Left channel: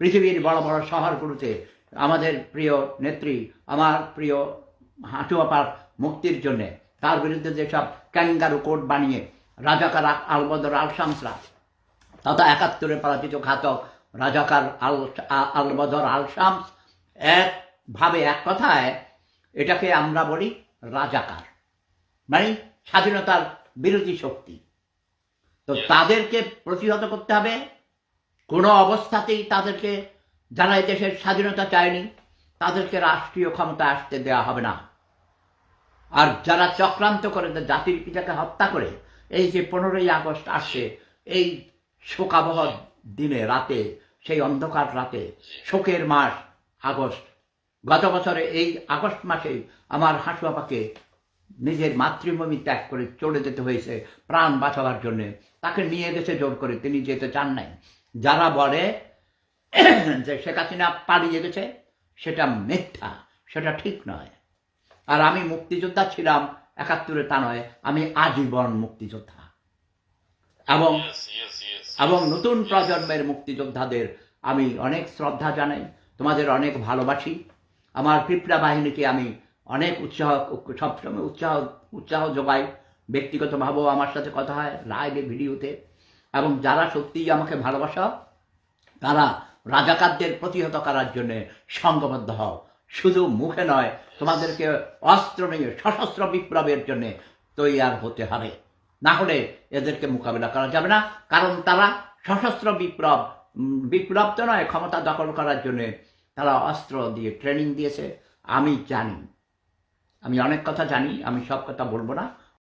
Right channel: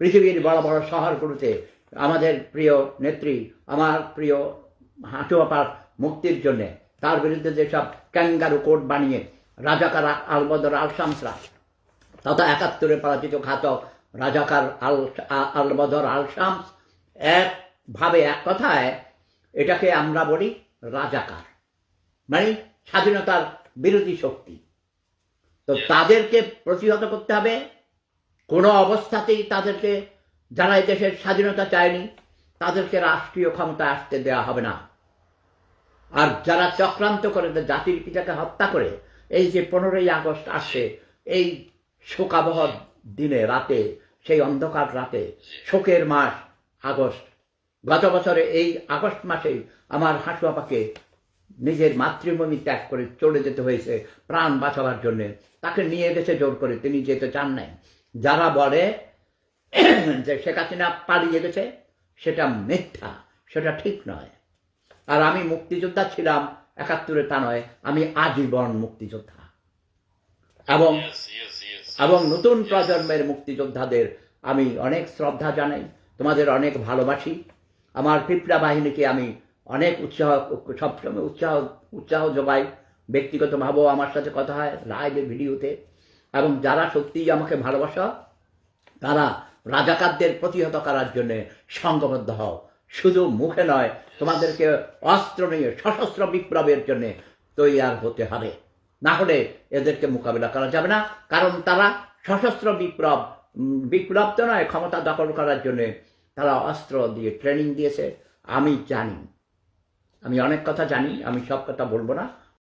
পৃথিবীর বড় বড় শহরগুলোতে আমাদের প্রিয় নেত্রী, আমার প্রিয় হাঁটুয়াপার মুক্তির জন্য তার বিরুদ্ধে যেসব ক্যাঙ্গারু কোর্ট বানিয়ে রাজাকার আলবদর আল শামসরা তথা ৭১ পরাজিত ঘাতক রাজাকার আলবদর আল শামস একভাবে এক কথায় এটাকে আমরা বলি রাজাকার, মানে স্বাধীনতার বিরোধী শক্তি। তো তাদেরকে প্রতিহত করতে হবে। কোনো অবস্থাতেই তাদেরকে, যারা এই দেশের স্বাধীনতা চায়নি, তাদেরকে রাষ্ট্রীয় ক্ষমতা আসতে দেওয়া হবে না। আর যারা চক্রান্ত করে জাতির পিতাকে হত্যা করে এই যে 15ই আগস্ট আসছে, এই শোকাবহ দিনে রাতে, সেই অন্ধকার রাতে, শোকের মাস আগস্ট, গত বছরে এই আগস্ট মাসেই আমার হাঁসুয়াপাকে নিজের মাতৃভূমি ত্যাগ করে চলে যেতে হয়েছে প্রাণ বাঁচাবার জন্য। তাকে নিয়ে গেছে জোর করে, তিনি যেতে চান নাই। যারা বলে যে শেখ হাসিনা পালিয়ে গেছে, সেটা মিথ্যা, সেটা ঠিক নয়। আর আমি মুক্তিযোদ্ধা ছিলাম ৭১, তা নয়, আমি আজীবন মুক্তিযোদ্ধা। এবং নতুন প্রজন্মের মুক্তিযোদ্ধাদের আমি অনেক শ্রদ্ধা জানাই, তোমাদের অনেক ভালোবাসি। আমার পিপড়া বাহিনীকে আমি অনেক সবসময় উৎসাহ যোগাই। ব্যক্তিগতভাবেও আমার সাথে কথা হয়, লাইভে, ভিডিওতে। এবং যারা সত্যিই আমাকে ভালোবাসা, তারা রাজাকারদের প্রতিহত করার জন্য সংঘবদ্ধ হও। শুধু মুখে নয়, তোমাদেরকে অস্ত্র নিয়ে সশস্ত্র বিপ্লবের জন্য তৈয়ার হতে হবে। না হলে এদেরকে মোকাবিলা করা যাবে না। কারণ তারা সশস্ত্র বিপ্লব তো নয়, ক্ষমতা দখল করার জন্য তারা অস্ত্র দিয়ে ট্রেনিং দিয়েছে। আমি জানি, আমি অনেক কথা জানি, আমি সব কথা বলবো না।